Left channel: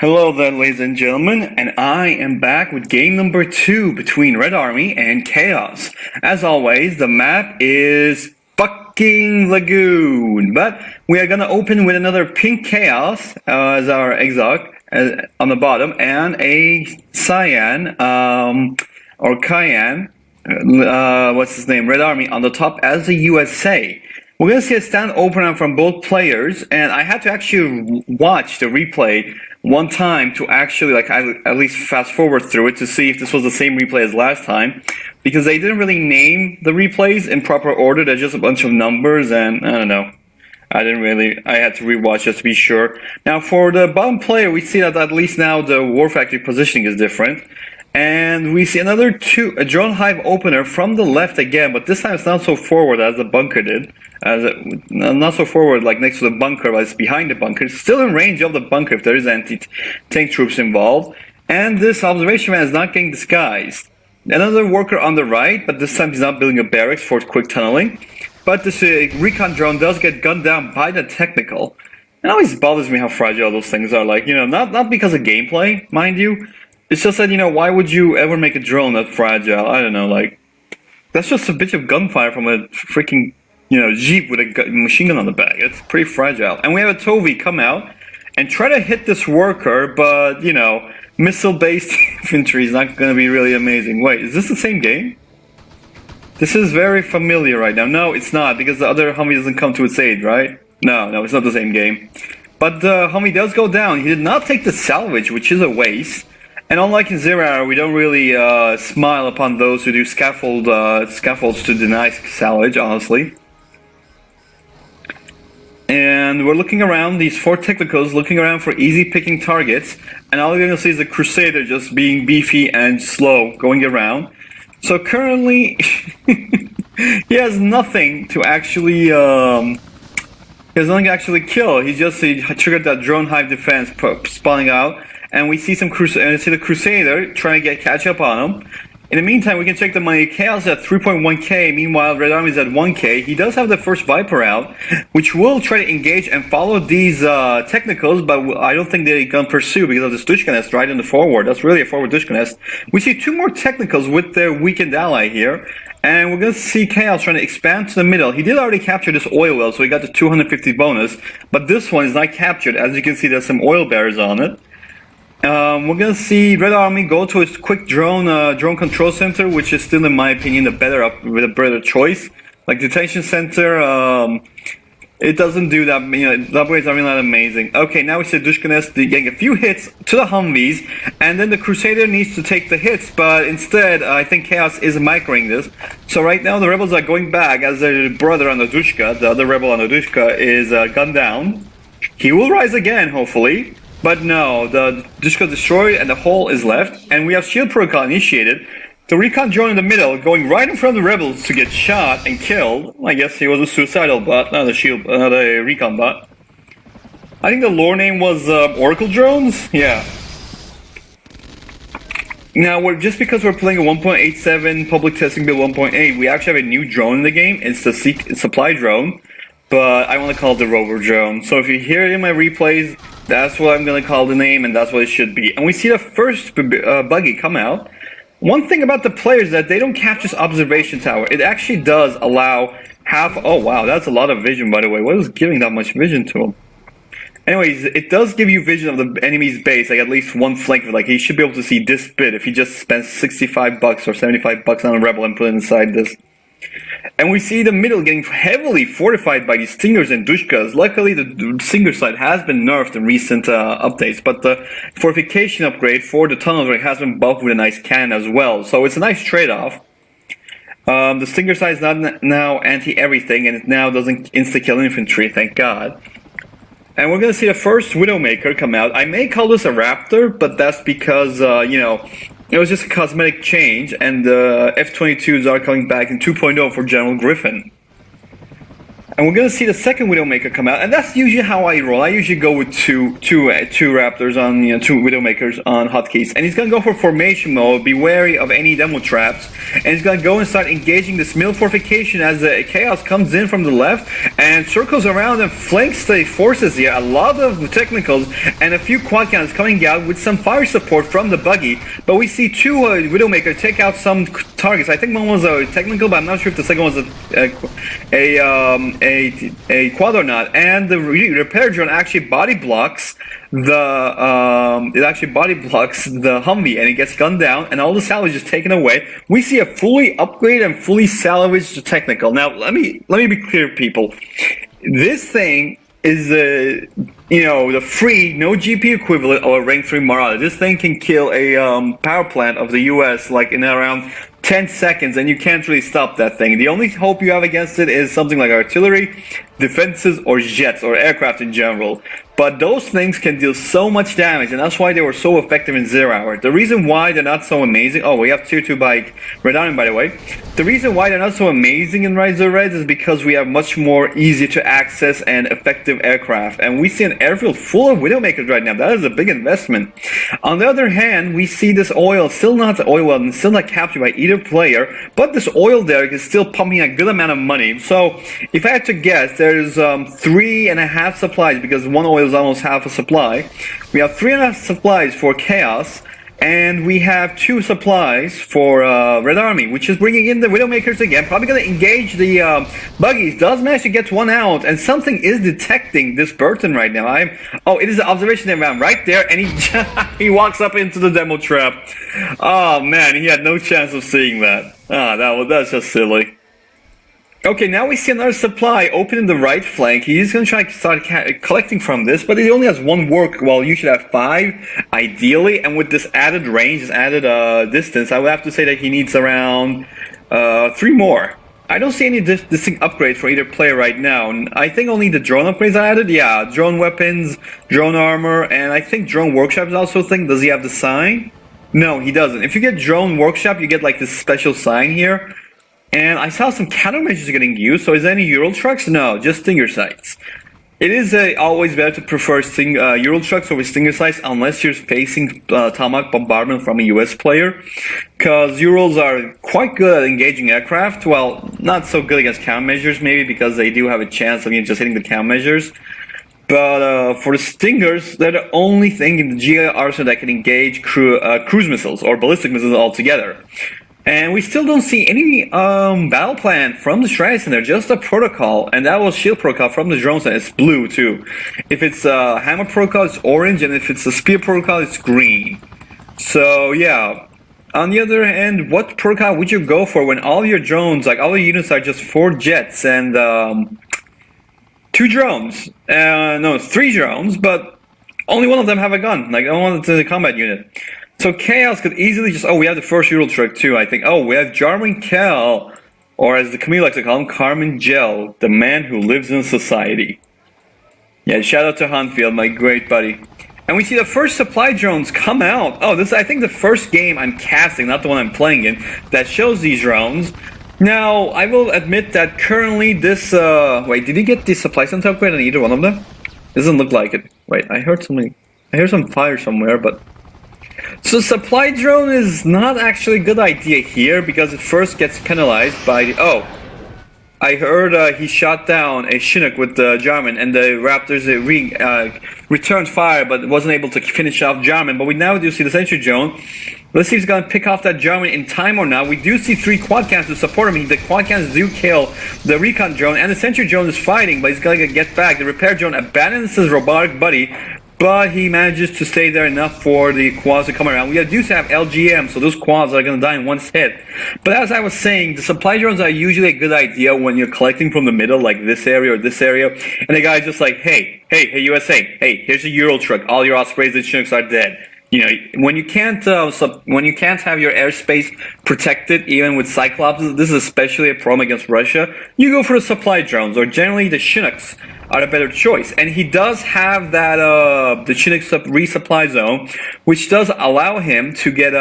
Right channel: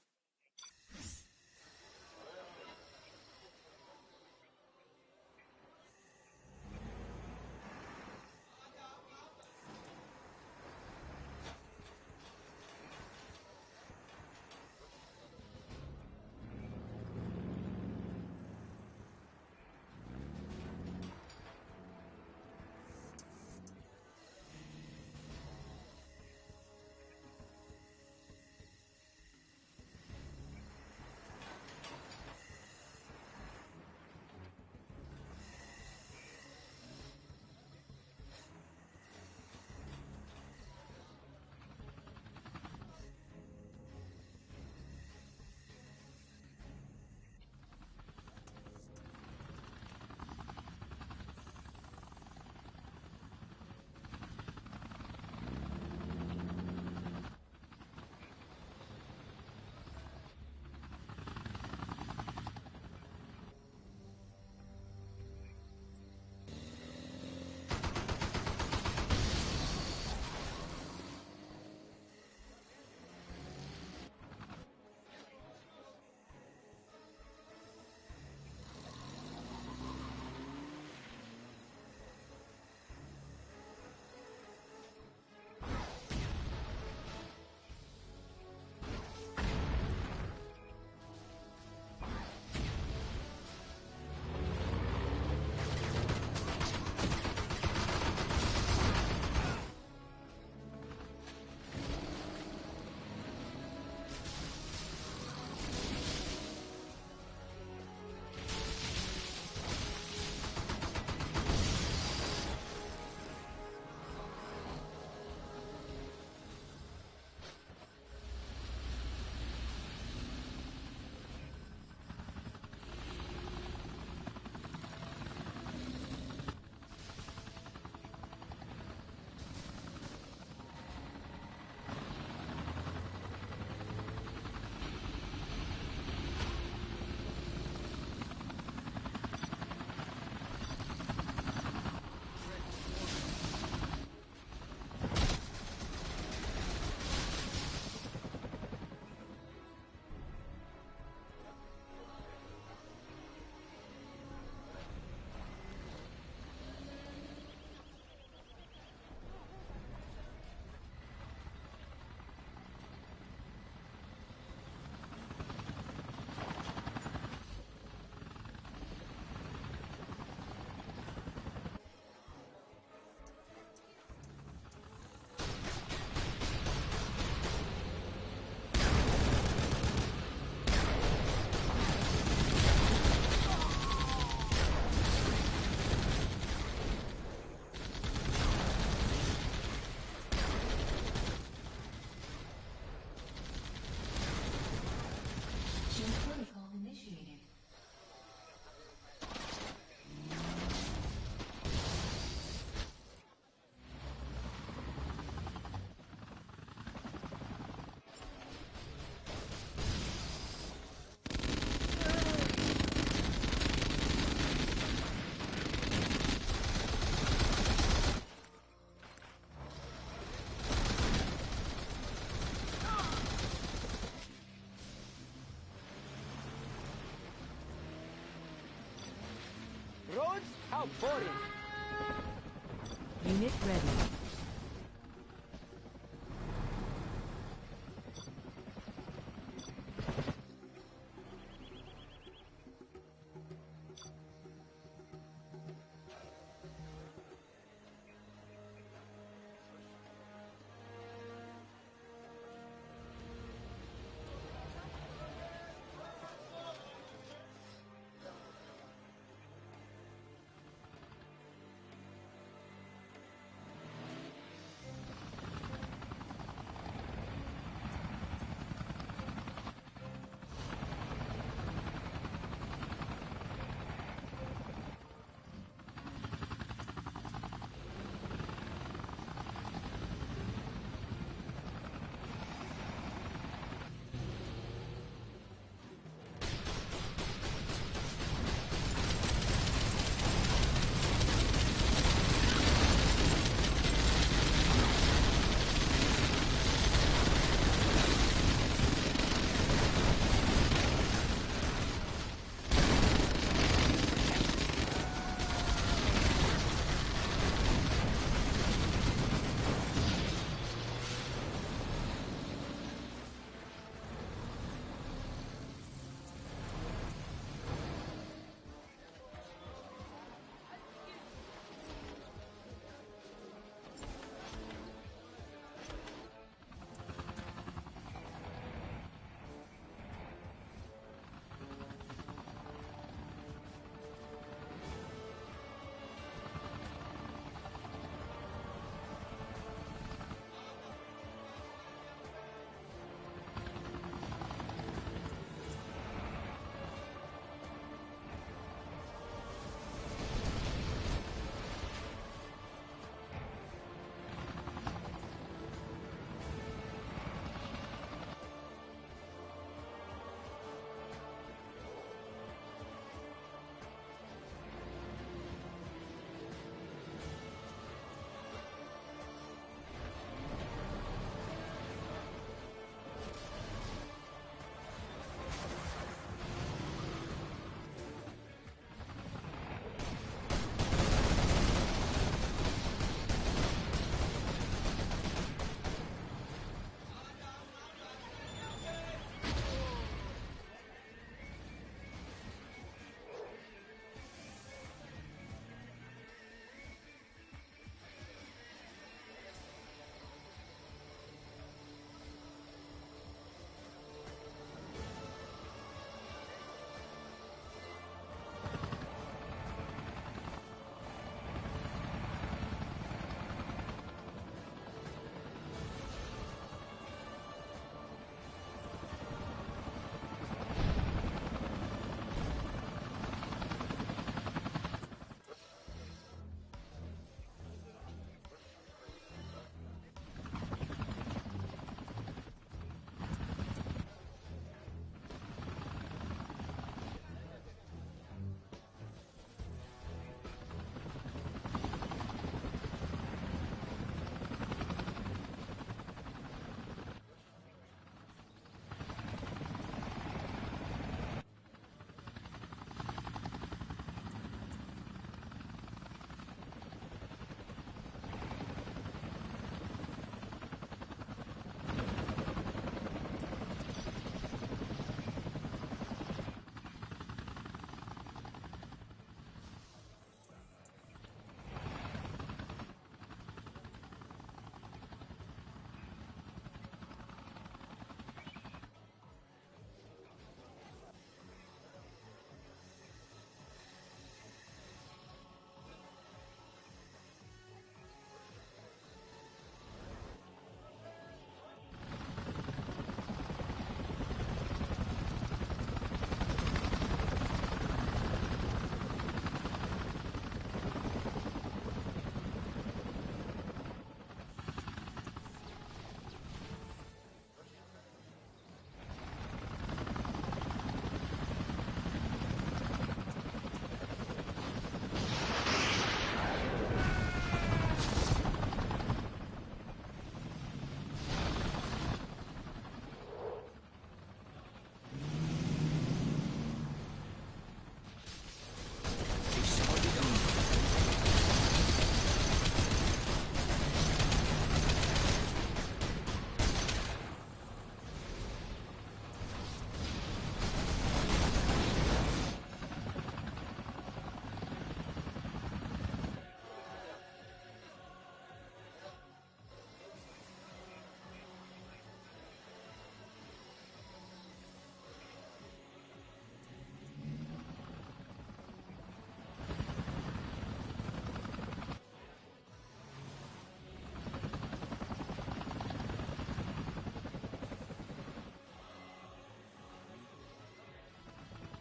Hello there, ladies and gentlemen, and I am back with game number 2 between Red Army and Chaos. As always, the map is fucking Lagoon, but we are gonna open with another pink Chaos as our XAOC on the bottom, and a Cyan, or Cayenne, what's his name, Red Army on the top as the USA. We're gonna see a stand opener from both players, and I had to actually watch the replay one time to actually at least fast forward through it to see if this was the same replay as last time, because they didn't really name the replays in proper order. They're just a bunch of numbers, and I don't know. I had to rewatch just to be sure. Now for the bottom player, we see that at least now the War Factory positioning is different. And we see a drone hive opener from the left again, but this time it's not so forward as the bunker did. Not so forward like next to the bunker, but it's behind the bunker. It's still in range of the bunker if there is anti-tank troops involved. And this observation man is not getting disguised. Another worker on the right, but this time he's not building a barracks for quick tunneling. But this recon drone does get gunned down by the technical. It always bothers me how fragile those things are. Like, not because of gameplay, mind you. It's just that, why would you ever make a drone that fragile? I don't know, like, that's just a bitch of gunfire from a freaking, Jeep with a machine gun on the back. It's pretty fragile. And we have a Tovi come out and try to hit this worker, but, missile-based infantry is not going to be really amazing. Wait, is this the same game? This is very familiar right now. No, it's not, because the other Humvee doesn't come to its aid, right? No, it's not the same game. But the Humvee does go down. He did not take the salvage, which is a waste. And unlike in Zero Hour, we don't really smile upon those who do scaffolds to deny salvage, honestly. And we're looking around, these 4 technicals, looking around for easy picking targets. And all we're going to see is the Crusader just being beefy and slow, going around. So currently, he has nothing to actually, kill. He triggered that drone hive defense spawning out. And we see the Crusader trying to catch up on him. In the meantime, we can check the money. Chaos at 3.1k, meanwhile Red Army is at 1k. He does have the first Viper out, which will try to engage and follow these technicals, but I don't think they're going to pursue because of this Dushka nest right in the forward. That's really a forward Dushka nest. We see 2 more technicals with their weakened ally here. And we're going to see Chaos trying to expand to the middle. He did already capture this oil well, so he got the 250 bonus. But this one is not captured. As you can see, there's some oil bearers on it. We're gonna see Red Army go to its quick drone control center, which is still, in my opinion, the better choice. Like detention center, it doesn't do that. The upgrades are really not amazing. Okay, now we see Dushka nest getting a few hits to the Humvees, and then the Crusader needs to take the hits, but instead, I think Chaos is microing this. So right now, the rebels are going back as their brother on the Dushka, the other rebel on the Dushka, is gunned down. He will rise again, hopefully. But no, the Dushka destroyed and the hole is left, and we have shield protocol initiated. The recon drone in the middle, going right in front of the rebels to get shot and killed. I guess he was a suicidal bot, not a recon bot. I think the lore name was Oracle Drones? Yeah. Now, just because we're playing a 1.87 public testing build 1.8, we actually have a new drone in the game. It's the supply drone, but I want to call it the rover drone. So if you hear it in my replays, that's what I'm going to call the name, and that's what it should be. And we see the first buggy come out. One thing about the players is that they don't capture this observation tower. It actually does allow oh wow, that's a lot of vision, by the way. What is giving that much vision to him? Anyways, it does give you vision of the enemy's base, like at least one flank. Like he should be able to see this bit if he just spends 65 bucks or 75 bucks on a rebel and put it inside this. And we see the middle getting heavily fortified by these Stingers and Dushkas. Luckily, the Stinger side has been nerfed in recent updates, but the fortification upgrade for the tunnels has been buffed with a nice cannon as well. So it's a nice trade-off. The Stinger side is not now anti-everything, and it now doesn't insta-kill infantry, thank God. And we're going to see the first Widowmaker come out. I may call this a Raptor, but that's because, it was just a cosmetic change, and the F-22s are coming back in 2.0 for General Griffin. And we're gonna see the second Widowmaker come out, and that's usually how I roll. I usually go with two Raptors on, two Widowmakers on hotkeys, and he's gonna go for formation mode. Be wary of any demo traps, and he's gonna go and start engaging this middle fortification as the Chaos comes in from the left and circles around and flanks the forces here. A lot of technicals and a few quad cannons coming out with some fire support from the buggy, but we see two Widowmaker take out some targets. I think one was a technical, but I'm not sure if the second was a quad or not. And the repair drone actually body blocks the Humvee, and it gets gunned down, and all the salvage is taken away. We see a fully upgraded and fully salvaged technical. Now, let me be clear, people. This thing is the free, no GP equivalent of a rank 3 Marauder. This thing can kill a power plant of the US like in around 10 seconds, and you can't really stop that thing. The only hope you have against it is something like artillery, defenses, or jets, or aircraft in general. But those things can deal so much damage, and that's why they were so effective in 0 hour. The reason why they're not so amazing... Oh, we have tier 2 by Red Army, by the way. The reason why they're not so amazing in Rise of Reds is because we have much more easy to access and effective aircraft. And we see an airfield full of Widowmakers right now. That is a big investment. On the other hand, we see this oil still not captured by either player, but this oil derrick is still pumping a good amount of money. So, if I had to guess, there's 3.5 supplies, because one oil is almost half a supply. We have 3.5 supplies for Chaos, and we have 2 supplies for Red Army, which is bringing in the Widowmakers again. Probably going to engage the buggies. Does manage to get one out, and something is detecting this Burton right now. Oh, it is the observation around right there, and he walks up into the demo trap. Oh man, he had no chance of seeing that. That's just silly. Okay, now we see another supply open in the right flank. He's going to try to start collecting from this, but he only has 1 work, while you should have 5, ideally. And with this added range, this added distance, I would have to say that he needs around 3 more. I don't see any distinct upgrades for either player right now. And I think only the drone upgrades are added. Yeah, drone weapons, drone armor, and I think drone workshop is also a thing. Does he have the sign? No, he doesn't. If you get drone workshop, you get like this special sign here. And I saw some countermeasures getting used. So is there any Ural trucks? No, just Stinger sights. It is always better to prefer Ural trucks over Stinger sights unless you're facing Tomahawk bombardment from a US player, because Urals are quite good at engaging aircraft. Well, not so good against countermeasures maybe, because they do have a chance of just hitting the countermeasures. But for the Stingers, they're the only thing in the GI arsenal that can engage cruise missiles or ballistic missiles altogether. And we still don't see any battle plan from the Strike Center, just a protocol, and that was shield protocol from the drone center. It's blue too. If it's a hammer protocol, it's orange, and if it's a spear protocol, it's green. So yeah. On the other hand, what protocol would you go for when all your drones, like all your units, are just 4 jets and 2 drones? No, 3 drones, but only one of them have a gun. Like only one of the combat unit. So Chaos could easily just, we have the first Ural truck too, I think. We have Jarman Kell, or as the community likes to call him, Carmen Gel, the man who lives in society. Yeah, shout out to Hanfield, my great buddy. And we see the first supply drones come out. This is, I think, the first game I'm casting, not the one I'm playing in, that shows these drones. Now, I will admit that currently this, wait, did he get the supply center upgrade on either one of them? Doesn't look like it. Wait, I heard some fire somewhere, but... So supply drone is not actually a good idea here, because it first gets penalized by the... I heard he shot down a Chinook with the Jarman, and the Raptors returned fire, but wasn't able to finish off Jarman. But we now do see the sentry drone. Let's see if he's going to pick off that Jarman in time or not. We do see 3 quad cannons to support him. The quad cannons do kill the recon drone, and the sentry drone is fighting, but he's going to get back. The repair drone abandons his robotic buddy, but he manages to stay there enough for the quads to come around. We do have LGM, so those quads are going to die in one hit. But as I was saying, the supply drones are usually a good idea when you're collecting from the middle, like this area or this area, and the guy's just like, hey, USA, hey, here's a Ural truck. All your Ospreys and Chinooks are dead. You know, when you can't have your airspace protected, even with Cyclops, this is especially a problem against Russia. You go for the supply drones, or generally the Chinooks are a better choice. And he does have that the Chinook resupply zone, which does allow him to get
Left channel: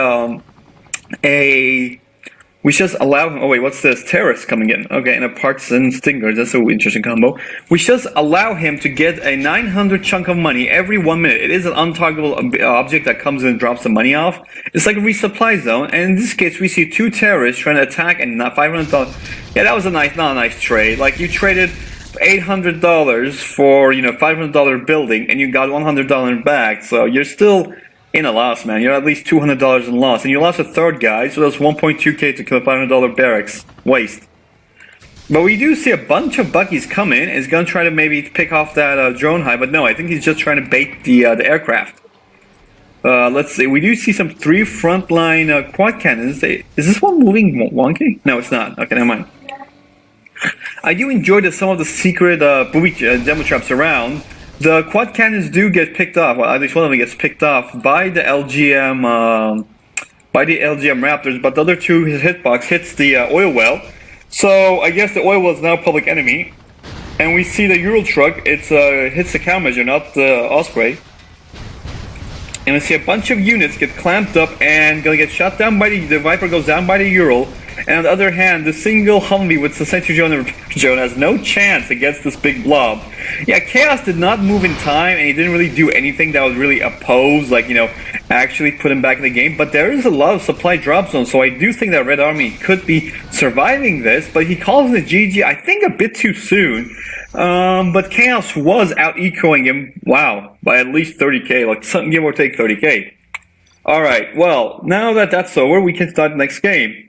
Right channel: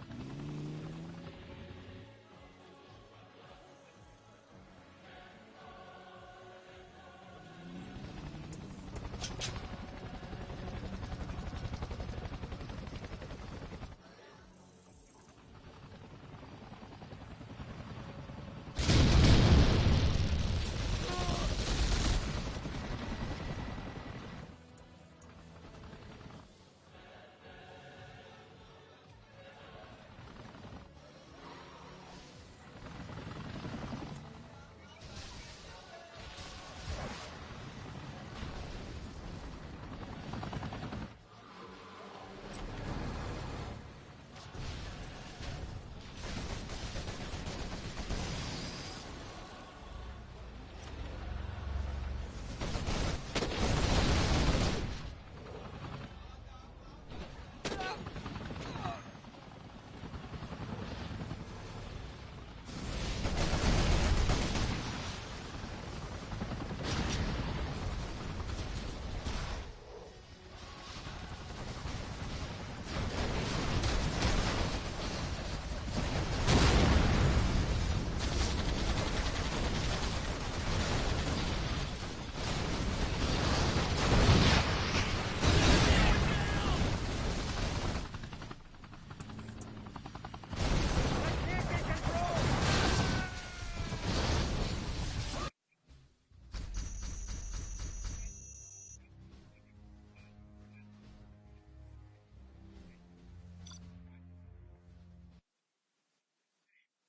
We just allow him. Oh wait, what's this? Terrorists coming in. Okay, and a partisan stinger. That's an interesting combo. We just allow him to get a 900 chunk of money every 1 minute. It is an untargetable object that comes in and drops the money off. It's like a resupply zone. And in this case, we see 2 terrorists trying to attack and not $500. Yeah, that was not a nice trade. Like you traded $800 for $500 building, and you got $100 back. So you're still in a loss, man. You're at least $200 in loss, and you lost a third guy, so that's 1.2k to kill a $500 barracks. Waste. But we do see a bunch of Buckies come in. He's gonna try to maybe pick off that drone hive, but no, I think he's just trying to bait the aircraft. Let's see. We do see some 3 frontline quad cannons. Is this one moving wonky? No, it's not. Okay, never mind. I do enjoy that some of the secret booby demo traps around. The quad cannons do get picked off. Well, at least one of them gets picked off by the LGM Raptors, but the other 2, his hitbox hits the oil well. So I guess the oil well is now public enemy. And we see the Ural truck. It hits the countermeasure, not the Osprey. And we see a bunch of units get clamped up and gonna get shot down by the Viper goes down by the Ural. And on the other hand, the single Humvee with the Sentry Drone has no chance against this big blob. Yeah, Chaos did not move in time, and he didn't really do anything that was really opposed, like, actually put him back in the game. But there is a lot of supply drop zones, so I do think that Red Army could be surviving this, but he calls it GG, I think a bit too soon. But Chaos was out-ecoing him, wow, by at least 30k, like something give or take 30k. Alright, well, now that that's over, we can start the next game.